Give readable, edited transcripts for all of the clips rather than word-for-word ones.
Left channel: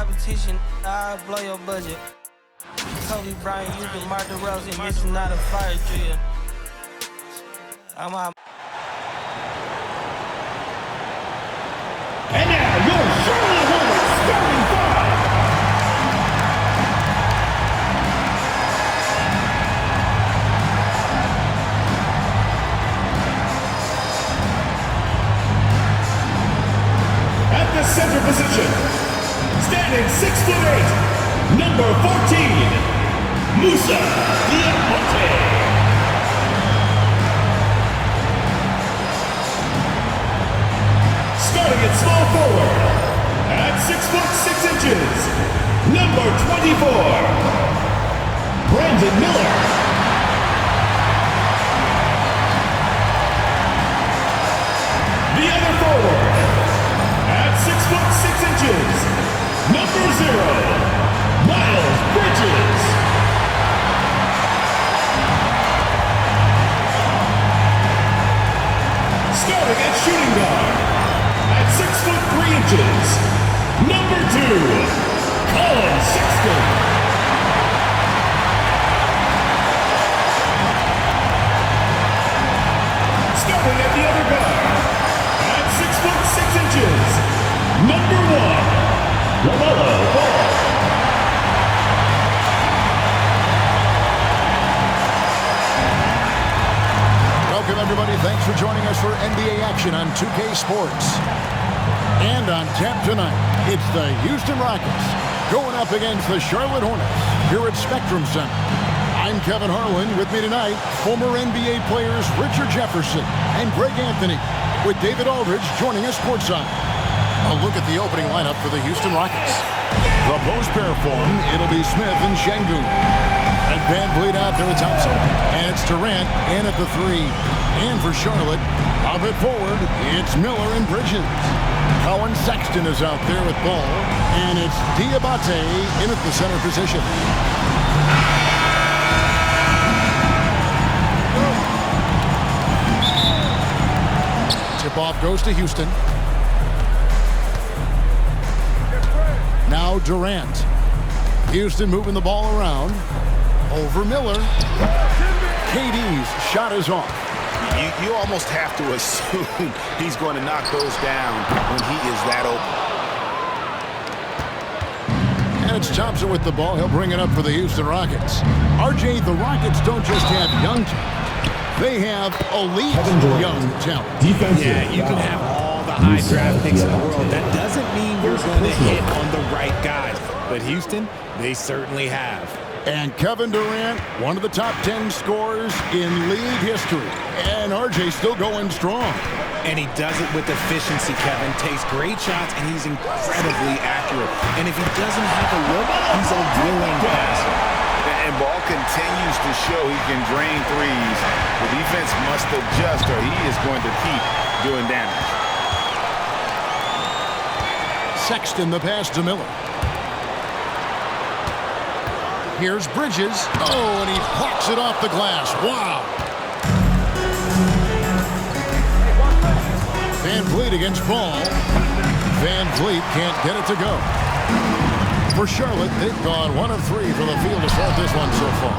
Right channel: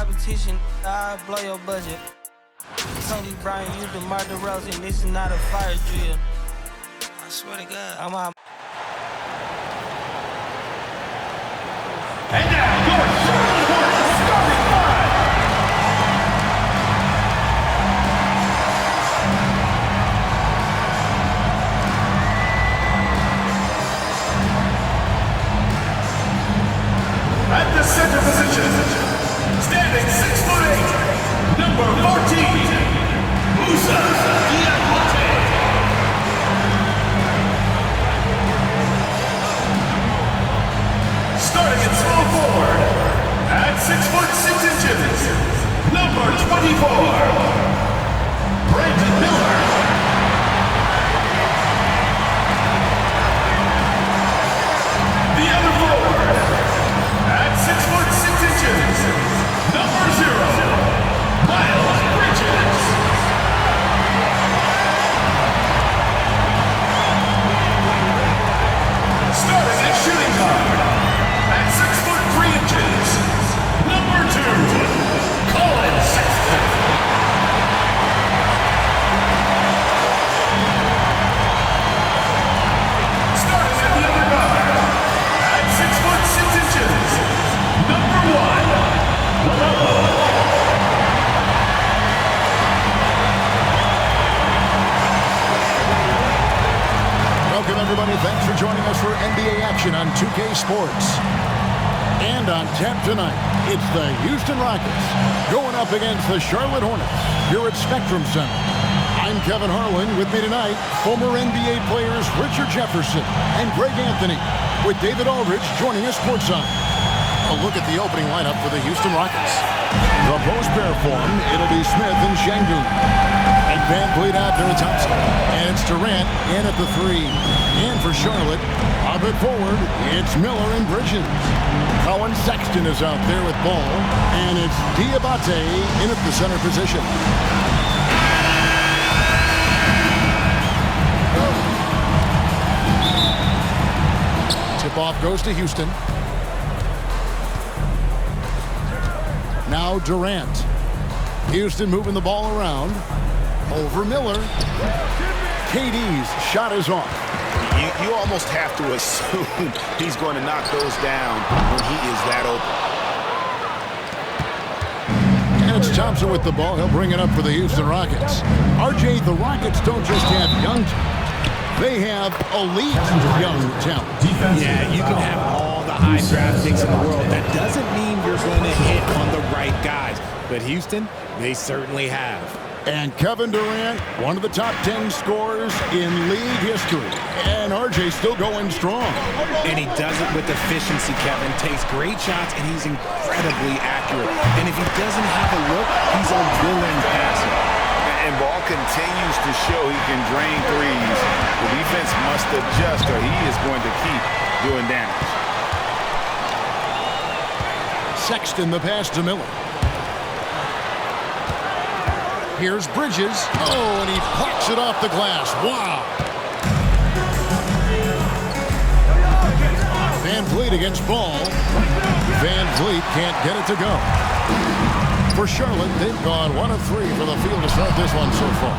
competition, I'll blow your budget. Kobe Bryant, you DeMar DeRozan, this is not a fire drill. I swear to God. I'm out. And now, your Charlotte Hornets starting five. At the center position, standing 6'8", number 14, Musa Diakote. Starting at small forward, at 6'6", number 24, Brandon Miller. The other forward, at 6'6", number 0, Miles Bridges. Starting at shooting guard, at 6'3", number 2, Colin Sexton. Starting at the other guard, at 6'6", number 1, LaMelo Ball. Welcome, everybody. Thanks for joining us for NBA action on 2K Sports. And on tap tonight, it's the Houston Rockets going up against the Charlotte Hornets here at Spectrum Center. I'm Kevin Harlan. With me tonight, former NBA players Richard Jefferson and Greg Anthony, with David Aldridge joining us courtside. A look at the opening lineup for the Houston Rockets. The post pair form, it'll be Smith and Şengün. And Van Vliet out there with Thompson. And it's Durant in at the 3. And for Charlotte, up at forward, it's Miller and Bridges. Colin Sexton is out there with Ball. And it's Diabate in at the center position. Tip-off goes to Houston. Now Durant. Houston moving the ball around. Over Miller. KD's shot is off. You almost have to assume he's going to knock those down when he is that open. And it's Thompson with the ball. He'll bring it up for the Houston Rockets. RJ, the Rockets don't just have young talent. They have elite young talent. Yeah, you can have all the high draft picks in the world. That doesn't mean you're going to hit on the right guys. But Houston, they certainly have. And Kevin Durant, one of the top 10 scorers in league history. And RJ still going strong. And he does it with efficiency, Kevin. Takes great shots, and he's incredibly accurate. And if he doesn't have a look, he's a willing passer. And Ball continues to show he can drain threes. The defense must adjust or he is going to keep doing damage. Sexton the pass to Miller. Here's Bridges. Oh, and he plucks it off the glass. Wow. Van Vliet against Ball. Van Vliet can't get it to go. For Charlotte, they've gone 1 of 3 for the field to start this one so far.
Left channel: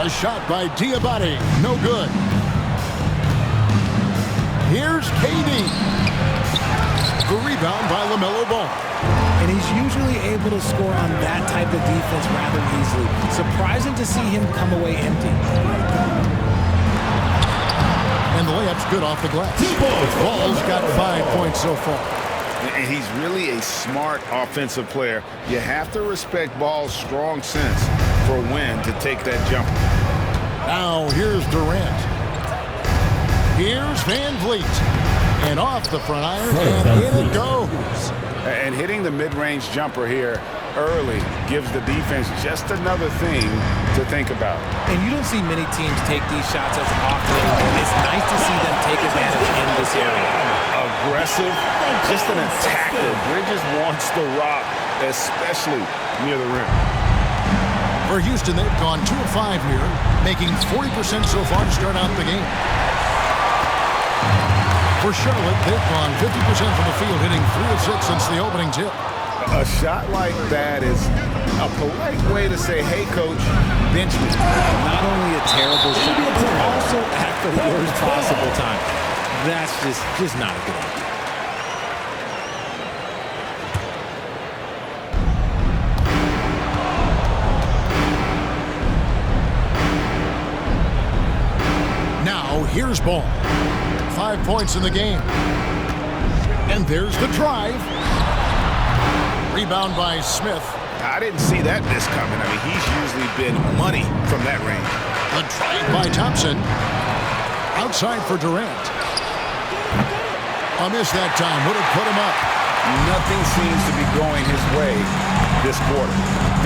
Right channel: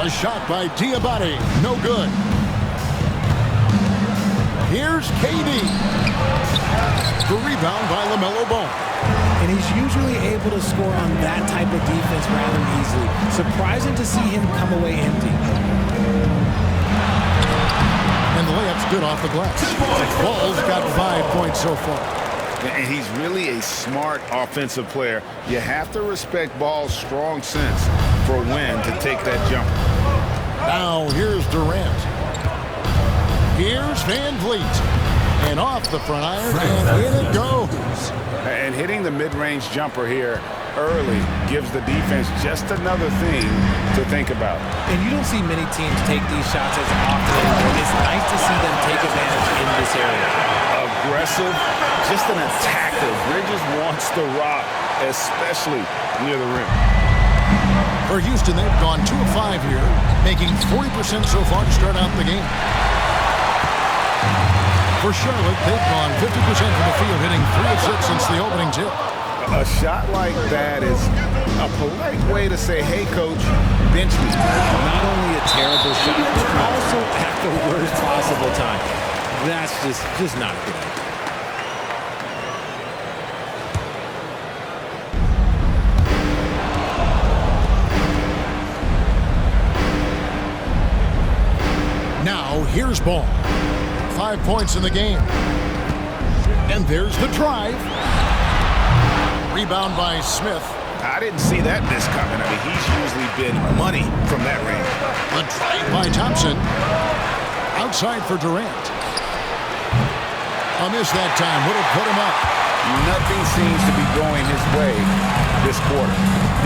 A shot by Diabate. No good. Here's KD. The rebound by LaMelo Ball. And he's usually able to score on that type of defense rather easily. Surprising to see him come away empty. And the layup's good off the glass. Ball's got 5 points so far. And he's really a smart offensive player. You have to respect Ball's strong sense for when to take that jumper. Now here's Durant. Here's Van Vliet. And off the front iron, and in it goes. And hitting the mid-range jumper here early gives the defense just another thing to think about. And you don't see many teams take these shots as often anymore. It's nice to see them take advantage in this area. Aggressive, just an attacker. Bridges wants the rock, especially near the rim. For Houston, they've gone 2 of 5 here, making 40% so far to start out the game. For Charlotte, they've gone 50% from the field, hitting 3 of 6 since the opening tip. A shot like that is a polite way to say, hey, coach, bench me. Not only a terrible shot, but also at the worst possible time. That's just not a good idea. Now, here's ball. 5 points in the game. And there's the drive. Rebound by Smith. I didn't see that miss coming. I mean, he's usually been money from that range. The drive by Thompson. Outside for Durant. A miss that time would have put him up. Nothing seems to be going his way this quarter.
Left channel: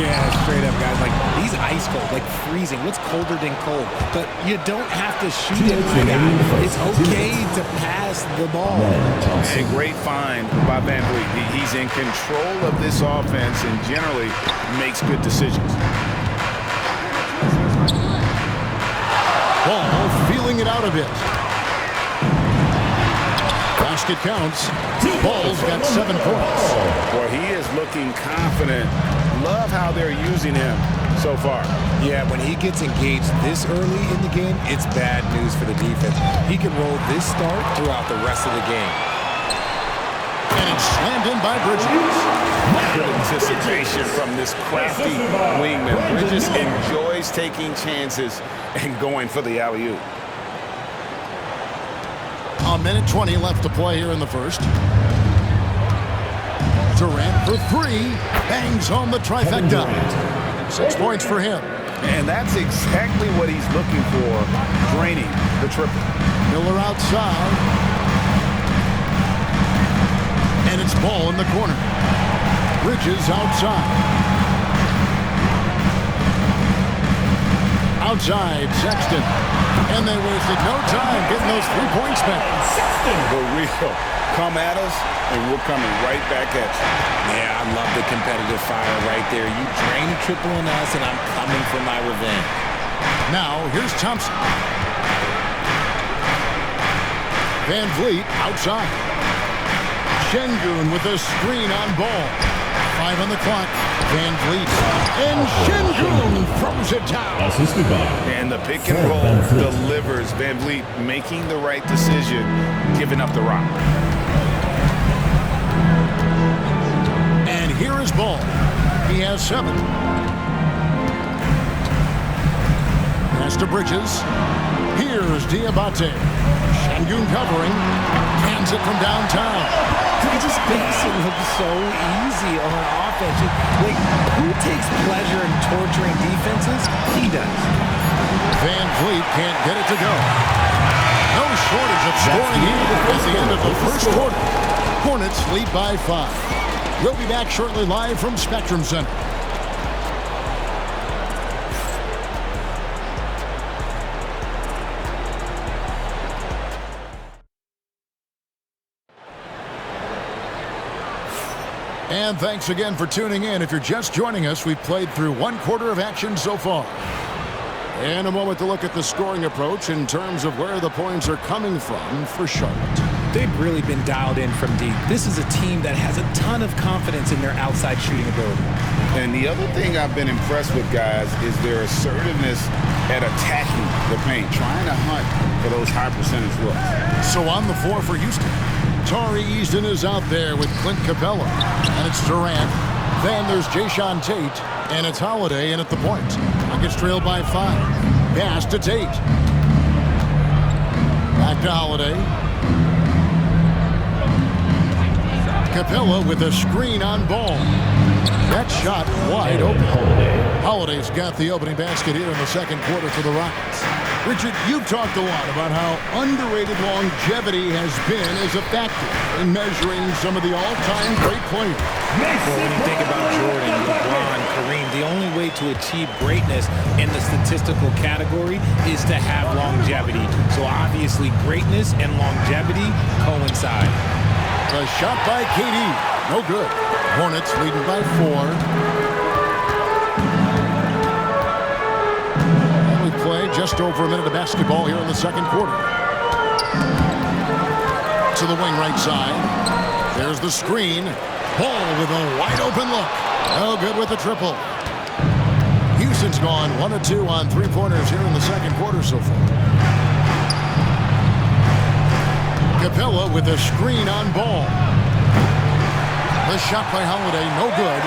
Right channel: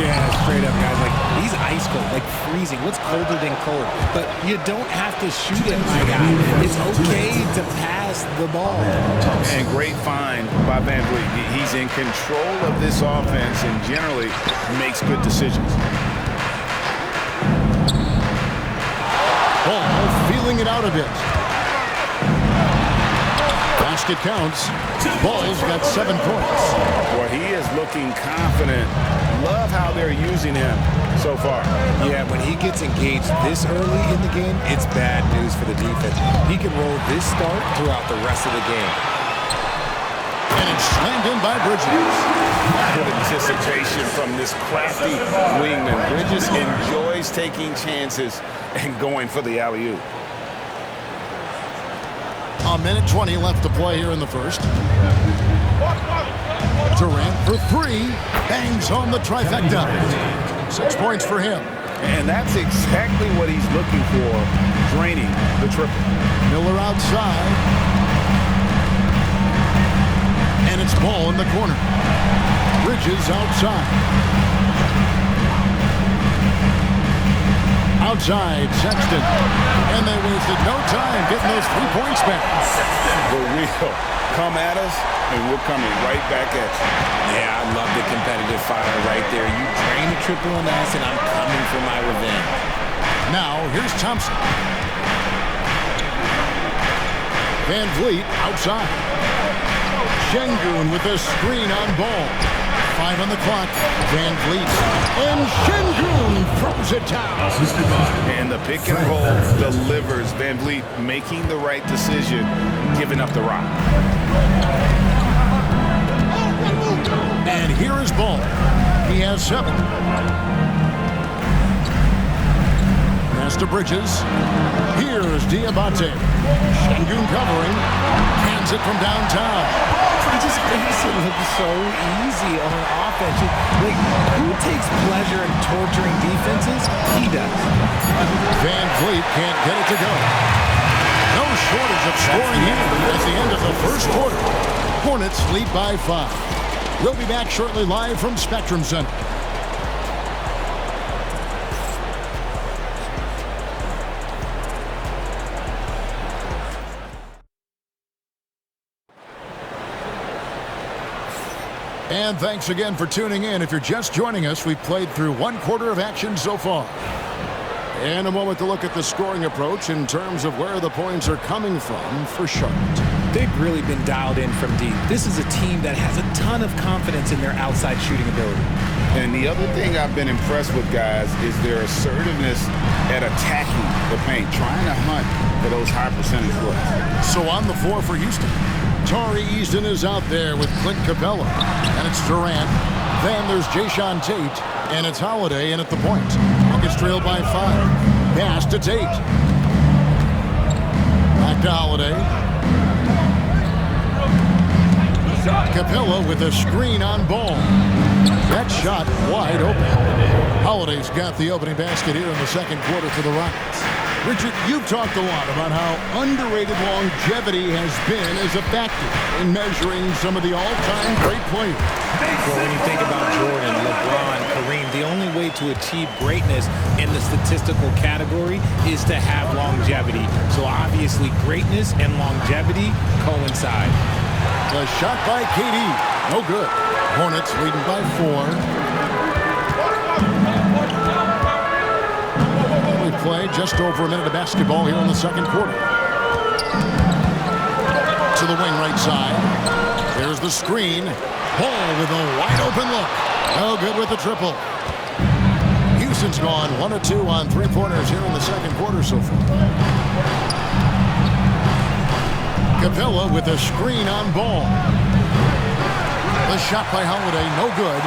Yeah, straight up, guys. Like, he's ice cold, like freezing. What's colder than cold? But you don't have to shoot it, my guy. It's okay to pass the ball. And great find by Van Vliet. He's in control of this offense and generally makes good decisions. Ball feeling it out a bit. Basket counts. Ball's got 7 points. Well, he is looking confident. Love how they're using him so far. Yeah, when he gets engaged this early in the game, it's bad news for the defense. He can roll this start throughout the rest of the game. And it's slammed in by Bridges. Good anticipation from this crafty wingman. Bridges enjoys taking chances and going for the alley-oop. A minute 20 left to play here in the first. Durant for 3. Bangs home the trifecta. 6 points for him. And that's exactly what he's looking for, draining the triple. Miller outside. And it's ball in the corner. Bridges outside. Outside, Sexton. And they wasted no time getting those 3 points back. The real come at us, and we're coming right back at you. Yeah, I love the competitive fire right there. You drain a triple on us, and I'm coming for my revenge. Now, here's Thompson. Van Vliet outside. Shengun with a screen on ball. 5 on the clock. Van Vliet. And Shengun throws it down. And the pick and roll delivers. Van Vliet making the right decision, giving up the rock. And here is ball. He has 7. Pass to Bridges. Here's Diabate. Shengun covering. Cans it from downtown. He just makes it look so easy on offense. Like, who takes pleasure in torturing defenses? He does. Van Vliet can't get it to go. No shortage of scoring here at the end of the first quarter. Hornets lead by 5. We'll be back shortly live from Spectrum Center. And thanks again for tuning in. If you're just joining us, we've played through 1 quarter of action so far. And a moment to look at the scoring approach in terms of where the points are coming from for Charlotte. They've really been dialed in from deep. This is a team that has a ton of confidence in their outside shooting ability. And the other thing I've been impressed with, guys, is their assertiveness at attacking the paint, trying to hunt for those high percentage looks. So on the floor for Houston, Tari Easton is out there with Clint Capella. And it's Durant. Then there's Jayshawn Tate. And it's Holiday in at the point. Rockets trail by 5. Pass to Tate. Back to Holiday. Capella with a screen on ball. That shot wide open. Holiday's got the opening basket here in the second quarter for the Rockets. Richard, you've talked a lot about how underrated longevity has been as a factor in measuring some of the all-time great players. Well, when you think about Jordan, LeBron, Kareem, the only way to achieve greatness in the statistical category is to have longevity. So obviously greatness and longevity coincide. The shot by KD, no good. Hornets leading by 4. We play just over a minute of basketball here in the second quarter. To the wing right side. There's the screen. Ball with a wide open look. No good with the triple. Houston's gone 1 of 2 on three-pointers here in the second quarter so far. Capella with a screen on Ball. The shot by Holiday, no good.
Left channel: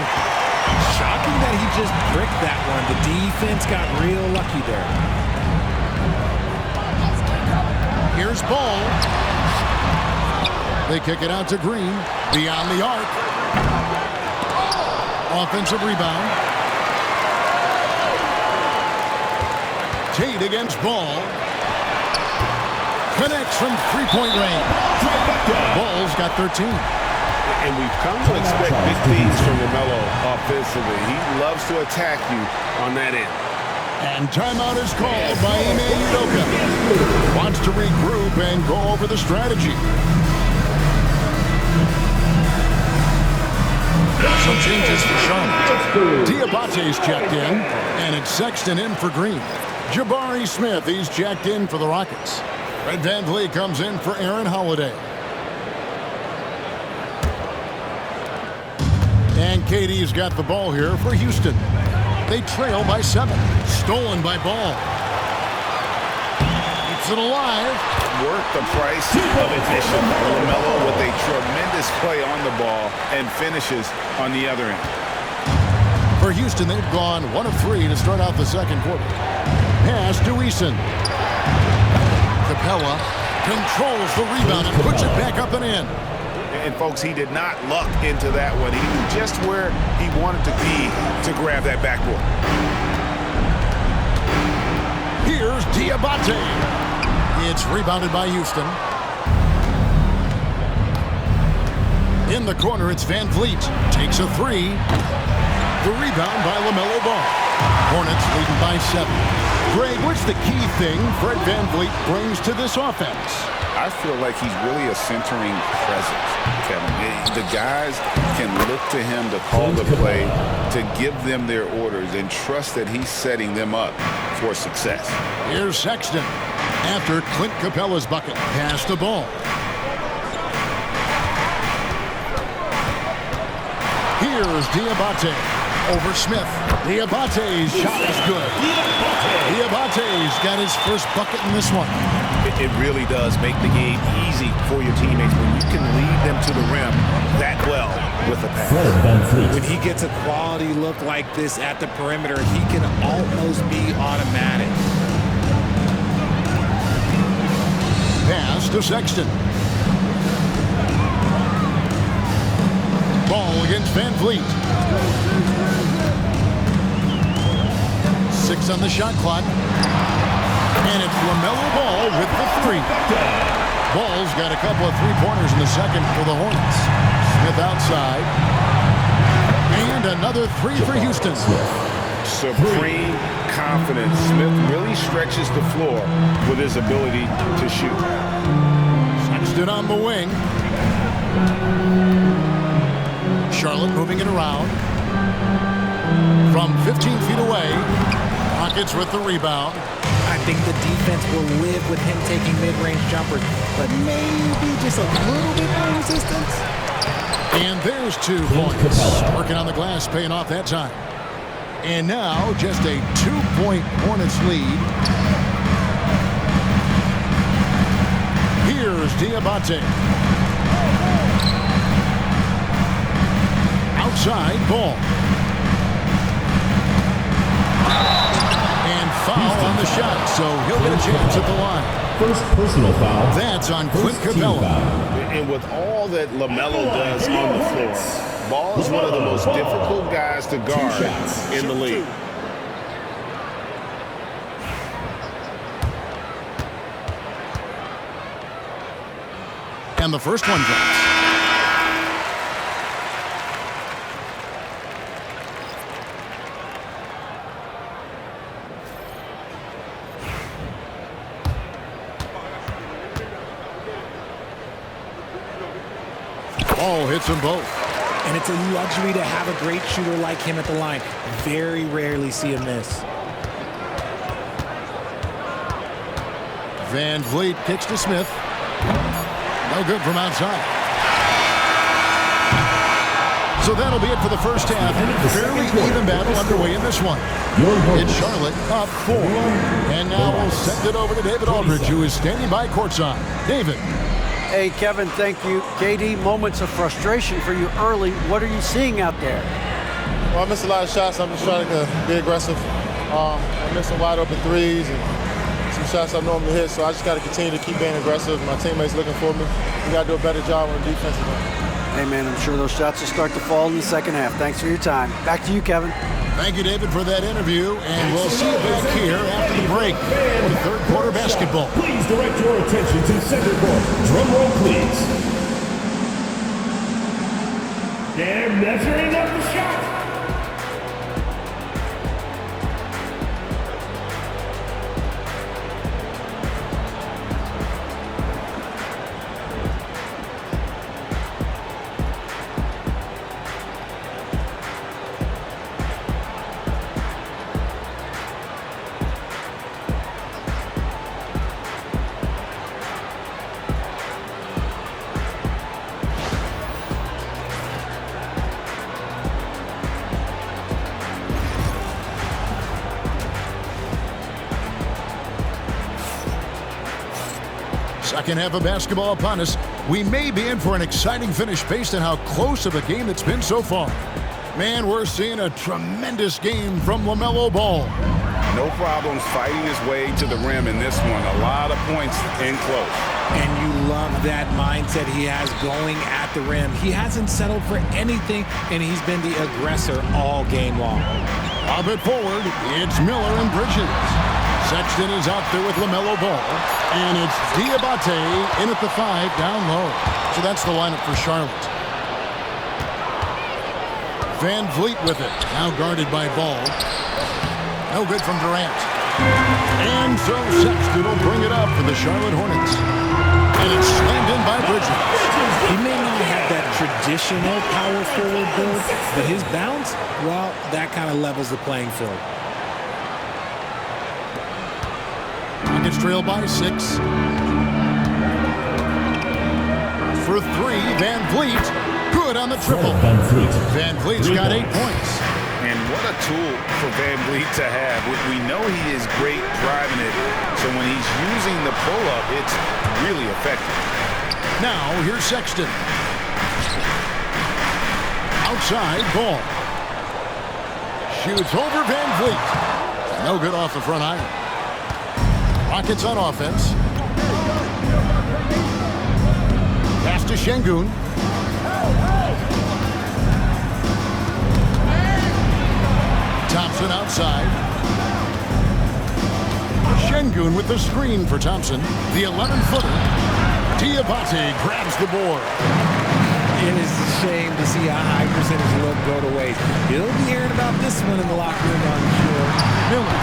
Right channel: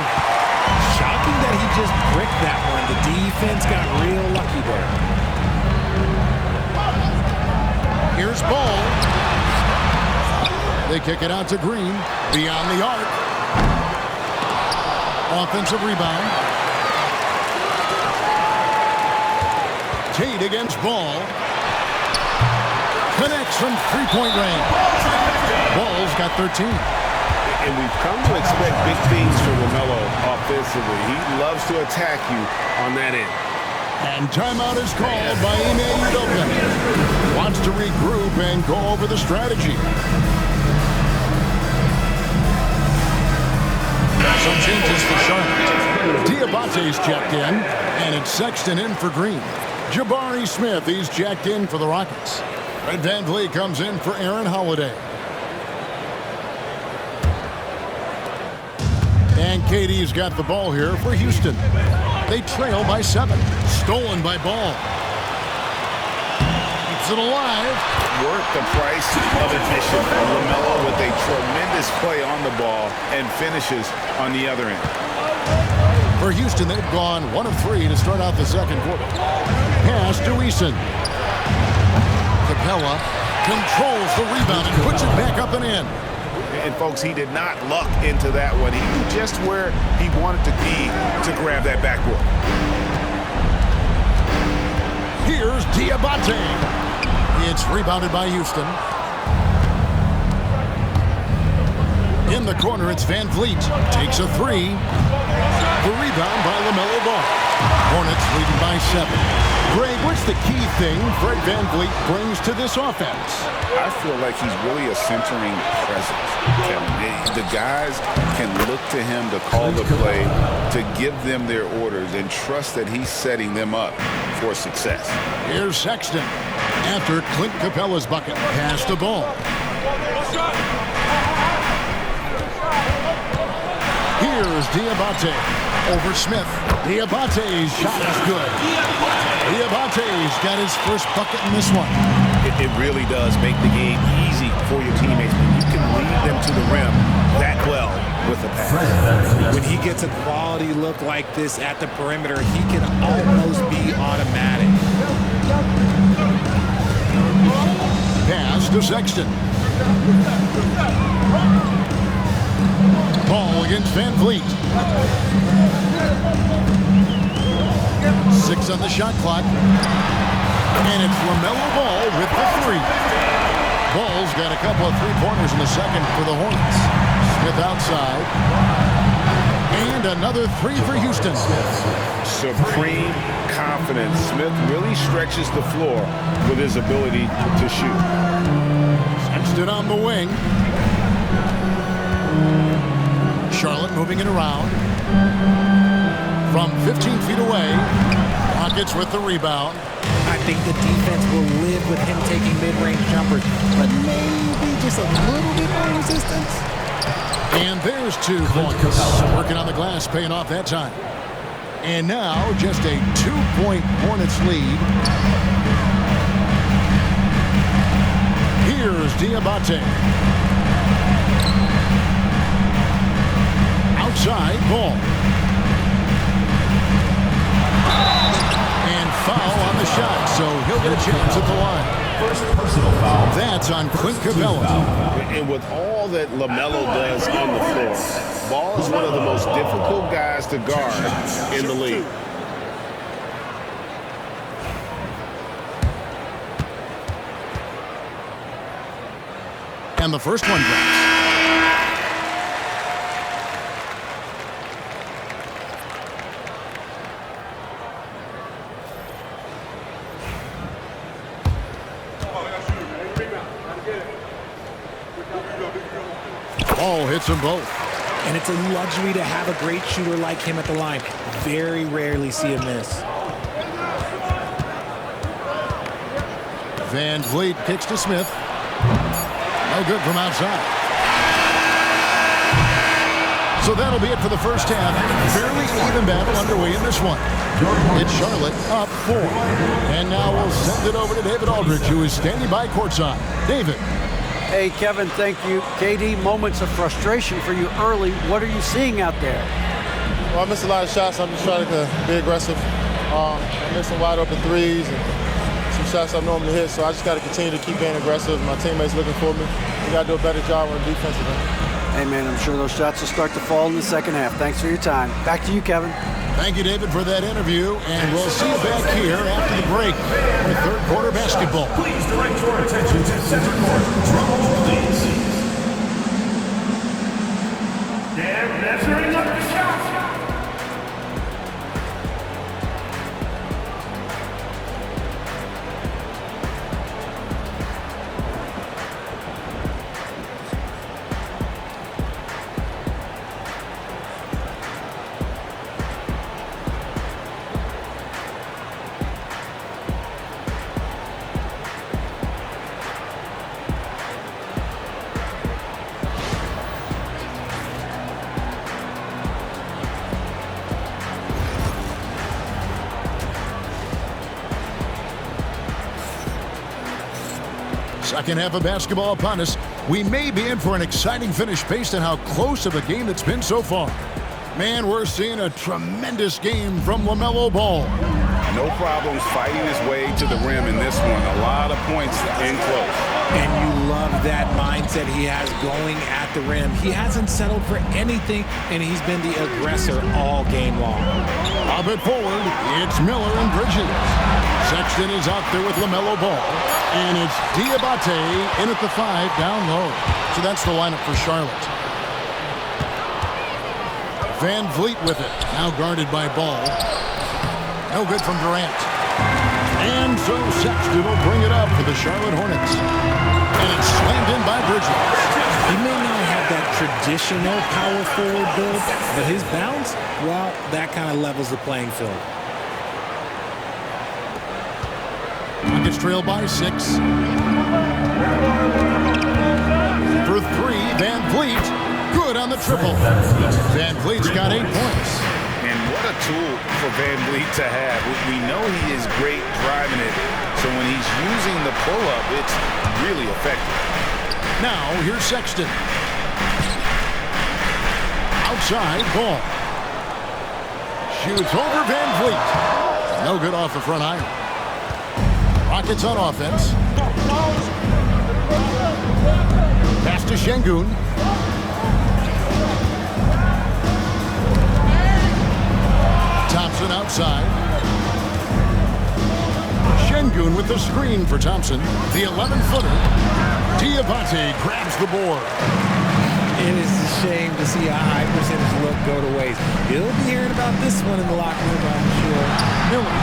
Shocking that he just bricked that one. The defense got real lucky there. Here's Ball. They kick it out to Green. Beyond the arc. Offensive rebound. Tate against Ball. Connects from three-point range. Ball's got 13. And we've come to expect big things from LaMelo offensively. He loves to attack you on that end. And timeout is called by Ime Udoka. Wants to regroup and go over the strategy. Some changes for Charlotte. Diabate's checked in, and it's Sexton in for Green. Jabari Smith, he's checked in for the Rockets. Fred VanVleet comes in for Aaron Holiday. And KD's got the ball here for Houston. They trail by 7. Stolen by Ball. Keeps it alive. Worth the price of admission. LaMelo with a tremendous play on the ball and finishes on the other end. For Houston, they've gone 1 of 3 to start out the second quarter. Pass to Eason. Capella controls the rebound and puts it back up and in. And folks, he did not luck into that one. He knew just where he wanted to be to grab that backboard. Here's Diabate. It's rebounded by Houston. In the corner, it's VanVleet. Takes a 3. The rebound by LaMelo Ball. Hornets leading by 7. Greg, what's the key thing Fred VanVleet brings to this offense? I feel like he's really a centering presence, Kevin. The guys can look to him to call the play, to give them their orders, and trust that he's setting them up for success. Here's Sexton. After Clint Capella's bucket, pass the ball. Here's Diabate over Smith. Diabate's shot is good. Diabate's got his first bucket in this one. It really does make the game easy for your teammates when you can lead them to the rim that well with a pass. When he gets a quality look like this at the perimeter, he can almost be automatic. Pass to Sexton. Ball against VanVleet. 6 on the shot clock. And it's LaMelo Ball with the 3. Ball's got a couple of three-pointers in the second for the Hornets. Smith outside. And another 3 for Houston. Supreme confidence. Smith really stretches the floor with his ability to shoot. Sexton on the wing. Charlotte moving it around. From 15 feet away. Rockets with the rebound. I think the defense will live with him taking mid-range jumpers, but maybe just a little bit more resistance. And there's 2 points. Working on the glass, paying off that time. And now just a 2-point Hornets lead. Here's Diabate. Outside Ball. And foul on the shot, so he'll get a chance at the line. First personal foul. That's on Clint Capella. And with all that LaMelo does on the floor, Ball is one of the most difficult guys to guard in the league. And the first one drops. Ball hits them both. And it's a luxury to have a great shooter like him at the line. Very rarely see him miss. VanVleet kicks to Smith. No good from outside. So that'll be it for the first half. Fairly even battle underway in this one. It's Charlotte up 4. And now we'll send it over to David Aldridge, who is standing by courtside. David. Hey, Kevin, thank you. KD, moments of frustration for you early. What are you seeing out there? Well, I missed a lot of shots. I'm just trying to be aggressive. I missed some wide open threes and some shots I normally hit, so I just got to continue to keep being aggressive. My teammates looking for me. We got to do a better job on the defensive end. Hey, man, I'm sure those shots will start to fall in the second half. Thanks for your time. Back to you, Kevin. Thank you, David, for that interview, and we'll see you back here after the break for third quarter basketball. Please direct your attention to center court. Drum roll, please. They're measuring up the shot. Second half of basketball upon us. We may be in for an exciting finish based on how close of a game it's been so far. Man, we're seeing a tremendous game from LaMelo Ball. No problems fighting his way to the rim in this one. A lot of points in close. And you love that mindset he has going at the rim. He hasn't settled for anything, and he's been the aggressor all game long. A bit forward, it's Miller and Bridges. Sexton is out there with LaMelo Ball. And it's Diabate in at the 5 down low. So that's the lineup for Charlotte. Van Vliet with it. Now guarded by Ball. No good from Durant. And so Sexton will bring it up for the Charlotte Hornets. And it's slammed in by Bridges. He may not have that traditional power forward build, but his bounce, well, that kind of levels the playing field. Rockets trail by 6. For 3, Van Vliet. Good on the triple. Van Vliet's got 8 points. And what a tool for Van Vliet to have. We know he is great driving it, so when he's using the pull-up, it's really effective. Now, here's Sexton. Outside, Ball. Shoots over Van Vliet. No good off the front iron. Rockets on offense. Pass to Şengün. Thompson outside. Şengün with the screen for Thompson. The 11-footer. Diabate grabs the board. It is a shame to see a high percentage look go to waste. He'll be hearing about this one in the locker room, I'm sure. Miller.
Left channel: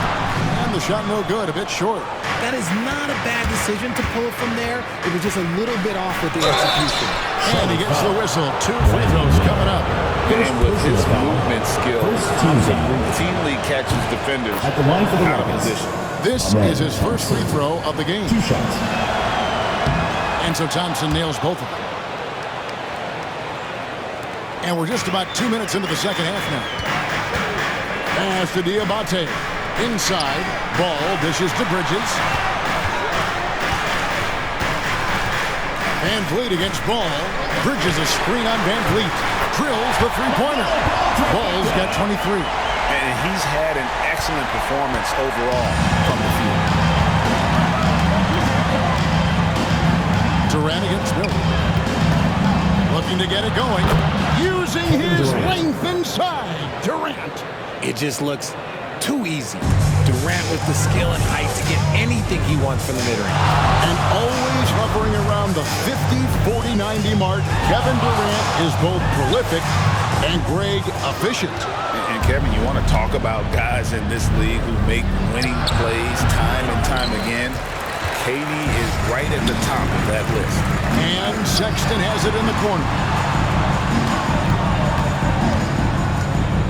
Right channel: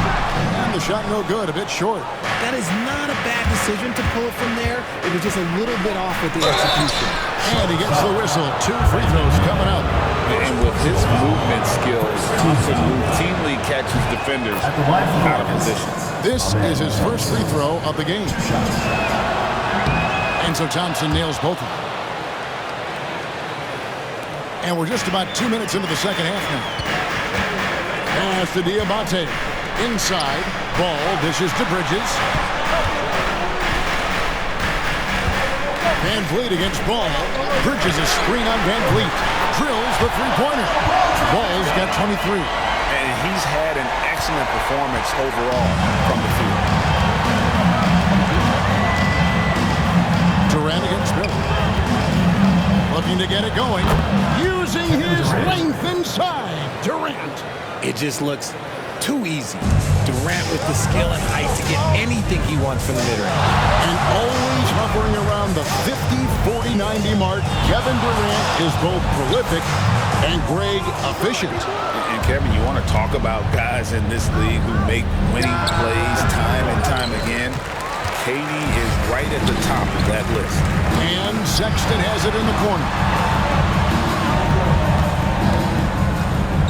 And the shot no good, a bit short. That is not a bad decision to pull it from there. It was just a little bit off with the execution. And he gets the whistle. 2 free throws coming up. And with his movement skills, Thompson routinely catches defenders out of position. This is his first free throw of the game. 2 shots. And so Thompson nails both of them. And we're just about 2 minutes into the second half now. Pass to Diabate. Inside. Ball dishes to Bridges. Van Vliet against Ball. Bridges a screen on Van Vliet. Drills the three-pointer. Ball's got 23. And he's had an excellent performance overall from the field. Durant against Miller. Looking to get it going. Using his length inside. Durant. It just looks too easy. Durant with the skill and height to get anything he wants from the mid-range. And always hovering around the 50, 40, 90 mark, Kevin Durant is both prolific and Greg efficient. And Kevin, you want to talk about guys in this league who make winning plays time and time again. KD is right at the top of that list. And Sexton has it in the corner.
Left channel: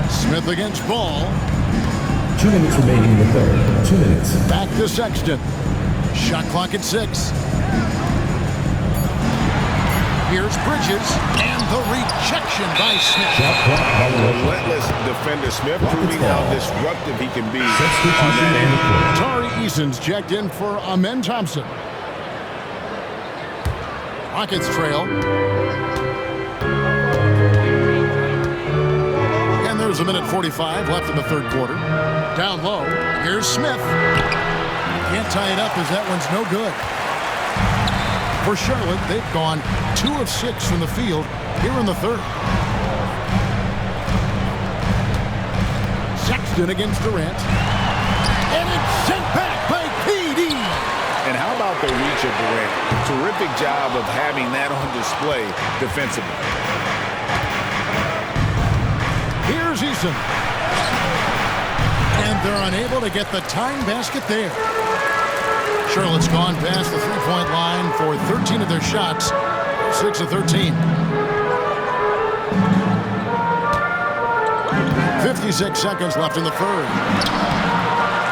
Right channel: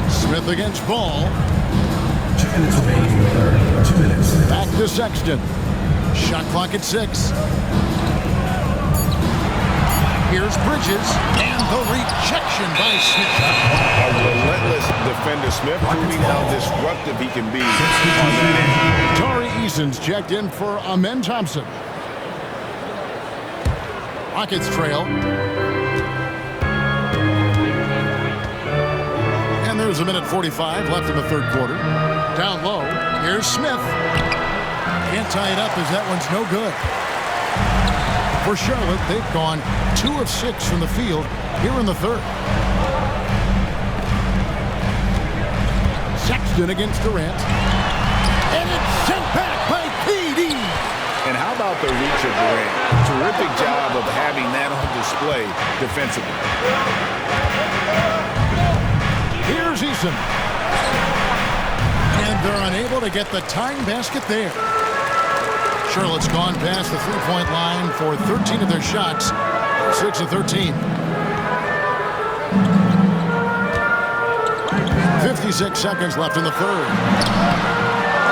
Smith against Ball. 2 minutes remaining in the third. 2 minutes. Back to Sexton. Shot clock at 6. Here's Bridges, and the rejection by Smith. A relentless defender, Smith, proving how disruptive he can be on that end. Tari Eason's checked in for Amen Thompson. Rockets trail. And there's a minute 45 left in the third quarter. Down low, here's Smith. Can't tie it up as that one's no good. For Charlotte, they've gone 2 of 6 from the field here in the third. Sexton against Durant. And it's sent back by KD. And how about the reach of Durant? Terrific job of having that on display defensively. Here's Eason. And they're unable to get the tying basket there. Charlotte's gone past the three-point line for 13 of their shots, 6 of 13. 56 seconds left in the third.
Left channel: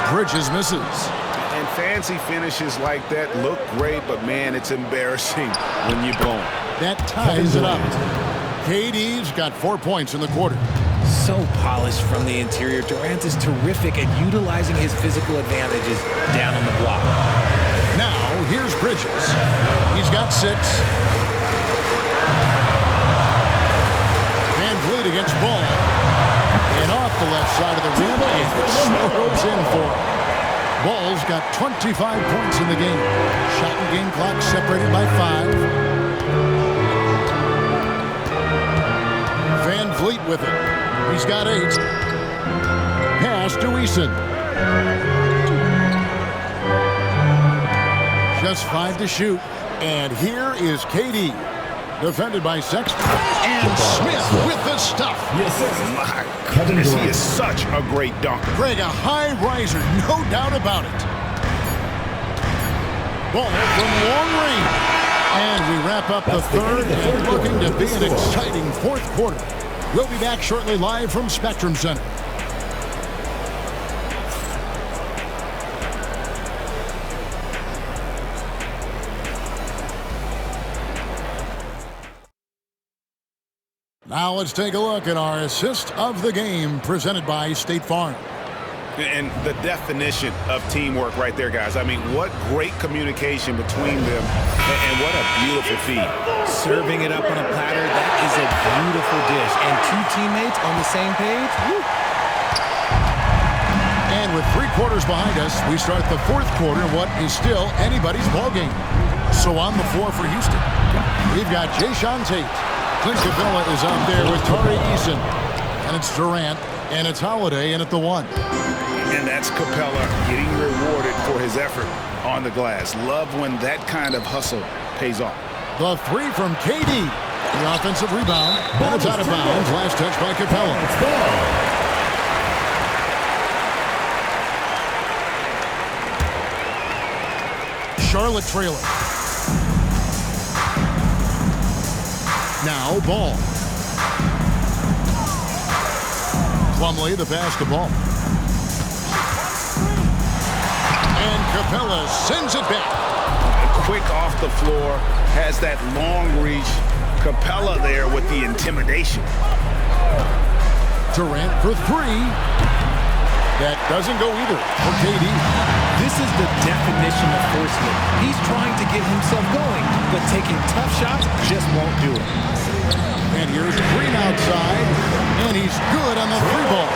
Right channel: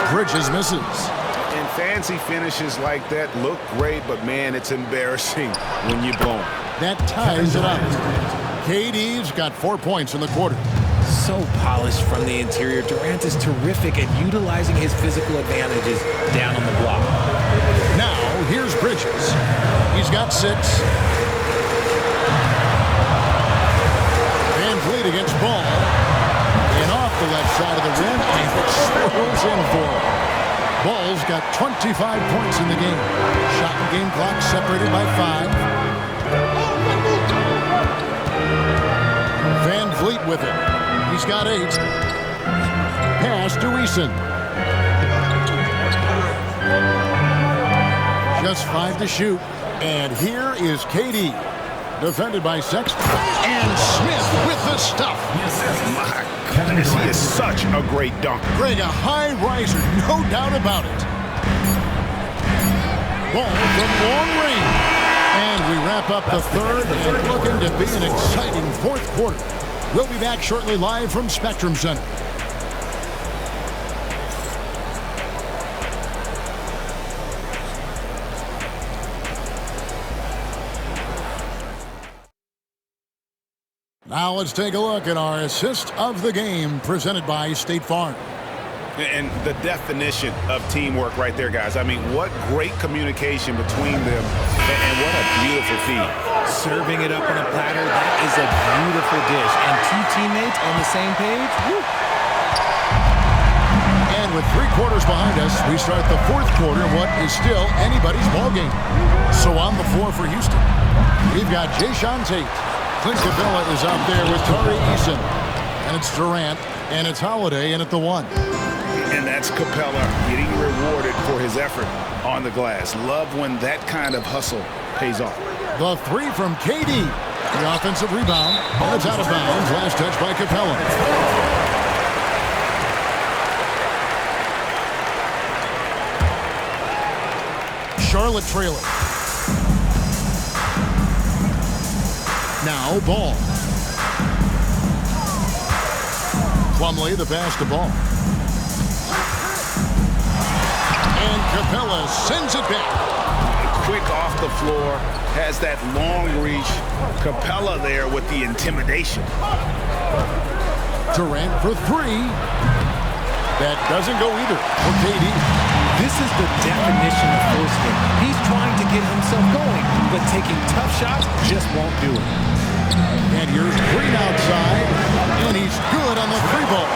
Bridges misses. And fancy finishes like that look great, but man, it's embarrassing when you blow them. That ties it up. KD's got 4 points in the quarter. So polished from the interior. Durant is terrific at utilizing his physical advantages down on the block. Now, here's Bridges. He's got 6. Van Vliet against Ball. And off the left side of the rim, and it swirls in for him. Ball's got 25 points in the game. Shot and game clock separated by 5. Van Vliet with it. He's got 8. Pass to Eason. Just 5 to shoot. And here is KD. Defended by Sexton. And Smith with the stuff. My goodness, he is such a great dunker. Greg, a high riser, no doubt about it. Ball from long range. And we wrap up the third and looking to be an exciting fourth quarter. We'll be back shortly live from Spectrum Center. Now let's take a look at our assist of the game presented by State Farm. And the definition of teamwork right there, guys. I mean, what great communication between them, and what a beautiful feed. Serving it up on a platter, that is a beautiful dish. And 2 teammates on the same page, woo. And with 3 quarters behind us, we start the fourth quarter in what is still anybody's ball game. So on the floor for Houston, we've got Jayshawn Tate. Clint Capella is out there with Tari Eason. And it's Durant, and it's Holiday in at the 1. And that's Capella getting rewarded for his effort on the glass. Love when that kind of hustle pays off. The 3 from KD. The offensive rebound, and it's out of bounds. Last touch by Capella. Charlotte trailing. Now Ball. Plumlee the pass to Ball. And Capella sends it back. Quick off the floor, has that long reach. Capella there with the intimidation. Durant for 3. That doesn't go either for KD. This is the definition of forcing it. He's trying to get himself going, but taking tough shots just won't do it. And here's Green outside, and he's good on the 3 ball.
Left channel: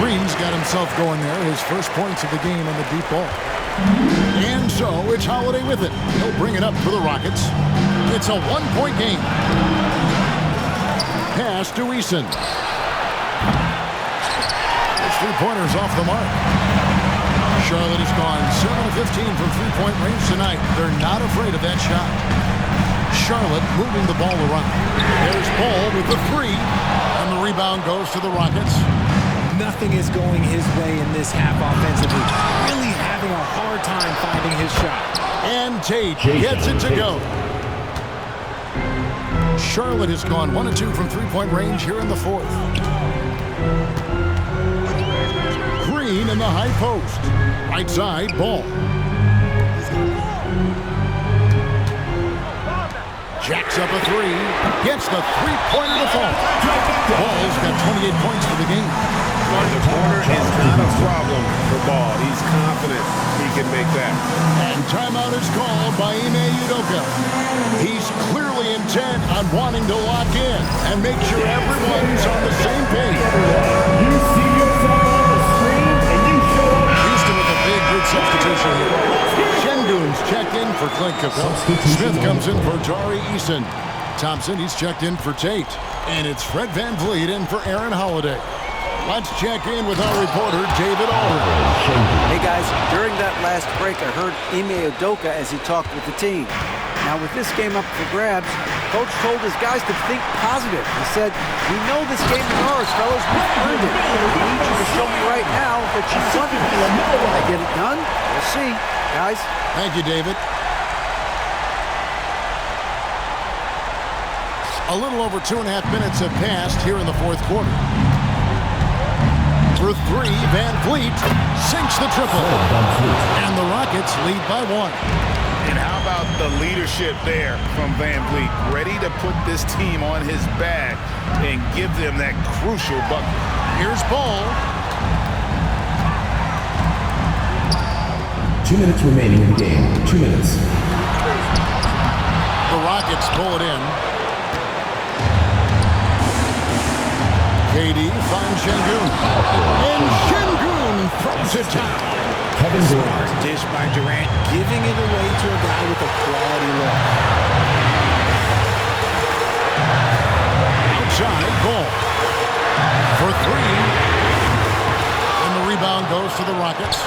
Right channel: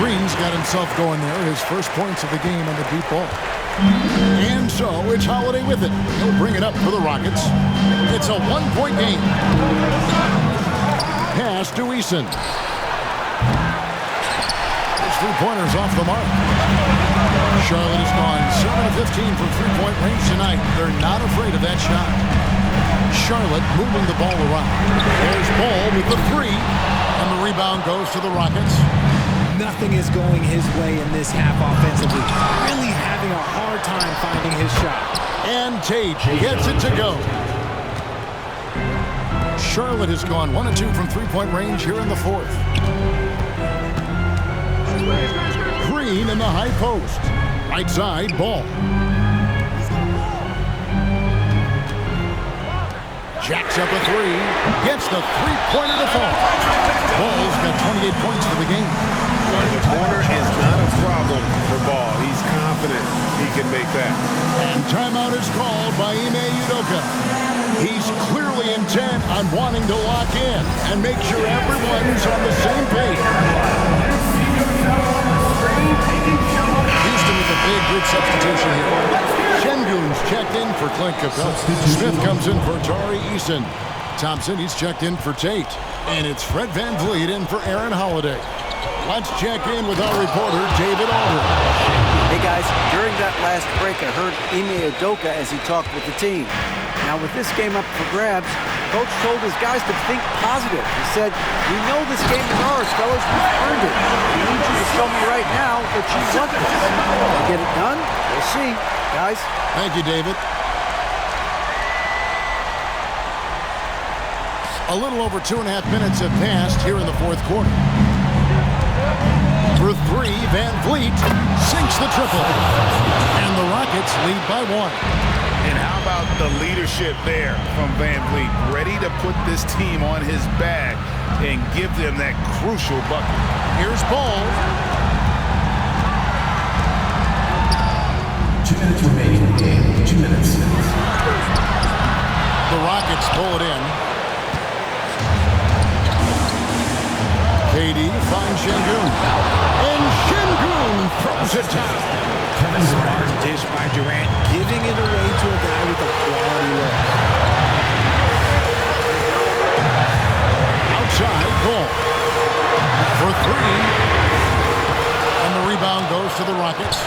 Green's got himself going there, his first points of the game on the deep ball. And so it's Holiday with it. He'll bring it up for the Rockets. It's a 1-point game. Pass to Eason. His 3-pointers off the mark. Charlotte has gone 7 of 15 from 3-point range tonight. They're not afraid of that shot. Charlotte moving the ball around. There's Ball with the 3, and the rebound goes to the Rockets. Nothing is going his way in this half offensively. Really having a hard time finding his shot. And Tate gets it to go. Charlotte has gone 1 of 2 from 3-point range here in the fourth. Green in the high post. Right side, Ball. Jacks up a three. Gets the three-pointer to fall. Ball's got 28 points for the game. The corner is not a problem for Ball. He's confident he can make that. And timeout is called by Ime Udoka. He's clearly intent on wanting to lock in and make sure everyone's on the same page. Houston with a big good substitution here. Şengün's checked in for Clint Capella. Smith comes in for Tari Eason. Thompson, he's checked in for Tate. And it's Fred VanVleet in for Aaron Holiday. Let's check in with our reporter, David Aldridge. Hey guys, during that last break, I heard Ime Udoka as he talked with the team. Now with this game up for grabs, Coach told his guys to think positive. He said, "We know this game is ours, fellas. We've earned it. We need you to show me right now that you want this. Will they get it done? We'll see, guys." Thank you, David. A little over 2.5 minutes have passed here in the fourth quarter. For three, VanVleet sinks the triple. And the Rockets lead by 1. And how about the leadership there from VanVleet? Ready to put this team on his back and give them that crucial bucket. Here's Ball. 2 minutes remaining in the game. 2 minutes. The Rockets pull it in. KD finds Şengün. And Şengün throws it down. Smart dish by Durant, giving it away to a guy with a quality look. Outside, Ball. For three. And the rebound goes to the Rockets.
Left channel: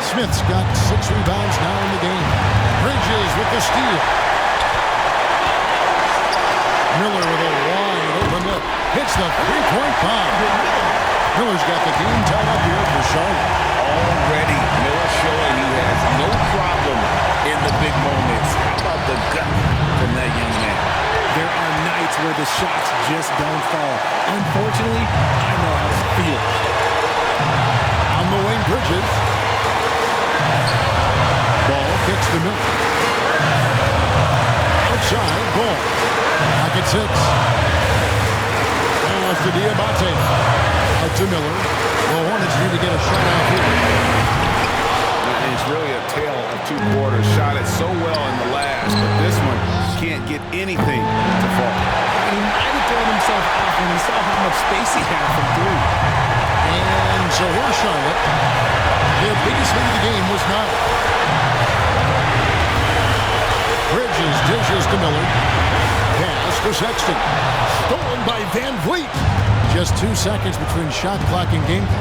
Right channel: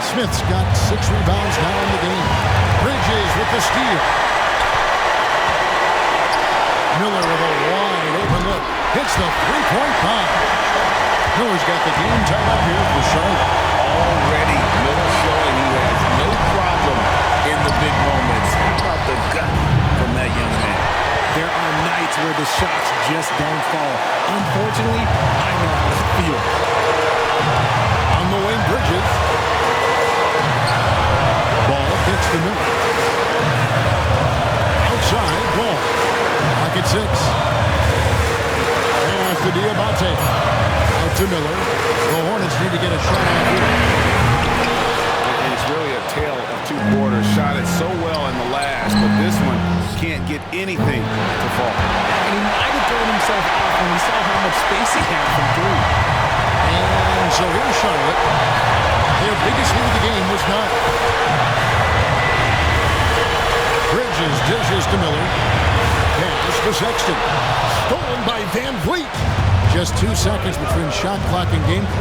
Smith's got 6 rebounds now in the game. Bridges with the steal. Miller with a wide open look. Hits the three-point bomb. Miller's got the game tied up here for Charlotte. Already, Miller showing he has no problem in the big moments. How about the gut from that young man? There are nights where the shots just don't fall. Unfortunately, I know how that feels. On the wing, Bridges. Ball kicks to Miller. Outside, Ball. Pocket 6. Pass to Diabate. Out to Miller. The Hornets need to get a shot off here. And it's really a tale of 2 quarters. Shot it so well in the last, but this one can't get anything to fall. And he might have thrown himself off when he saw how much space he had from 3. And so here's Charlotte. Their biggest lead of the game was 9. Bridges dishes to Miller. Pass to Sexton. Stolen by VanVleet. Just 2 seconds between shot clock and game clock.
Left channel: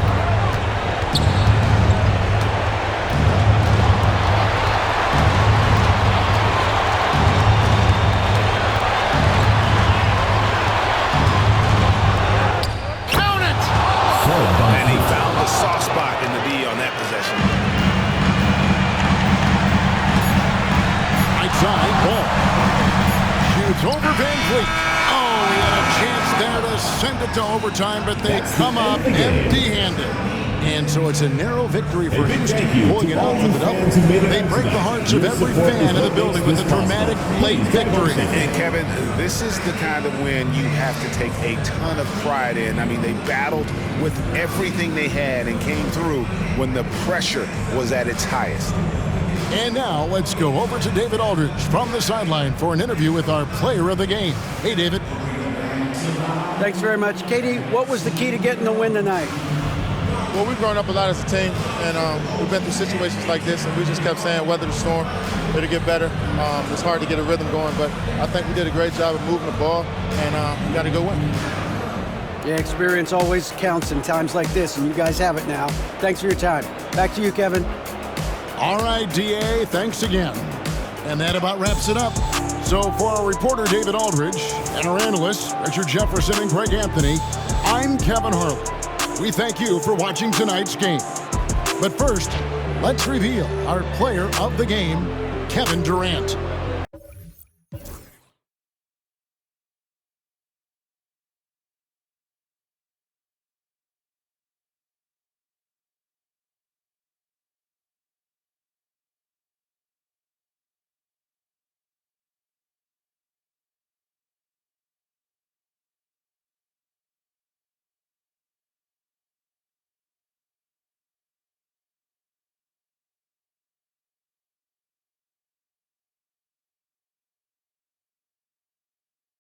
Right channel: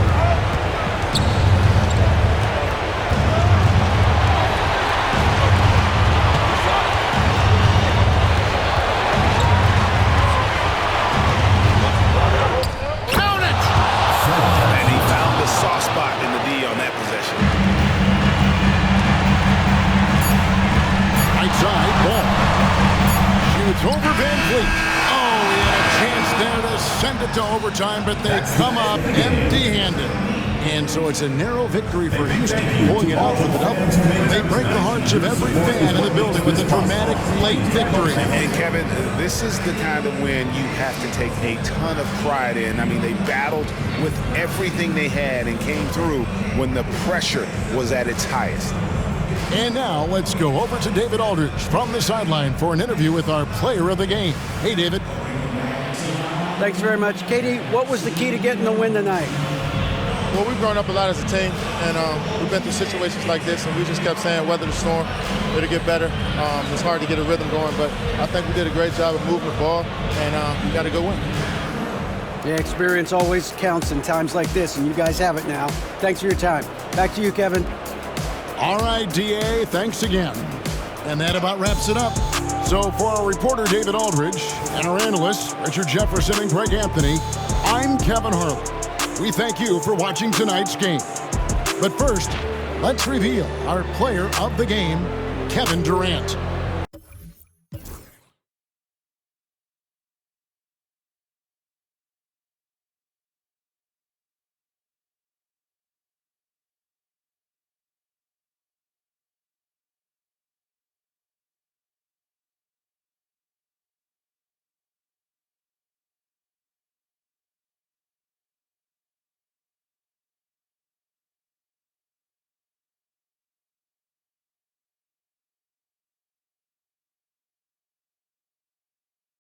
Count it! And he found the soft spot in the D on that possession. Right side, Ball. Shoots over VanVleet. Oh, he had a chance there to send it to overtime, but they come up empty-handed. And so it's a narrow victory for Houston, pulling it out for the double. They break the hearts of every fan in the building with a dramatic late victory. And Kevin, this is the kind of win you have to take a ton of pride in. I mean, they battled with everything they had and came through when the pressure was at its highest. And now let's go over to David Aldridge from the sideline for an interview with our player of the game. Hey, David. Thanks very much. KD, what was the key to getting the win tonight? Well, we've grown up a lot as a team, and we've been through situations like this, and we just kept saying, weather the storm, it'll get better. It's hard to get a rhythm going, but I think we did a great job of moving the ball, and we got a good win. Yeah, experience always counts in times like this, and you guys have it now. Thanks for your time. Back to you, Kevin. All right, DA, thanks again. And that about wraps it up. So for our reporter, David Aldridge, and our analysts, Richard Jefferson and Greg Anthony, I'm Kevin Harlan. We thank you for watching tonight's game. But first, let's reveal our player of the game, Kevin Durant.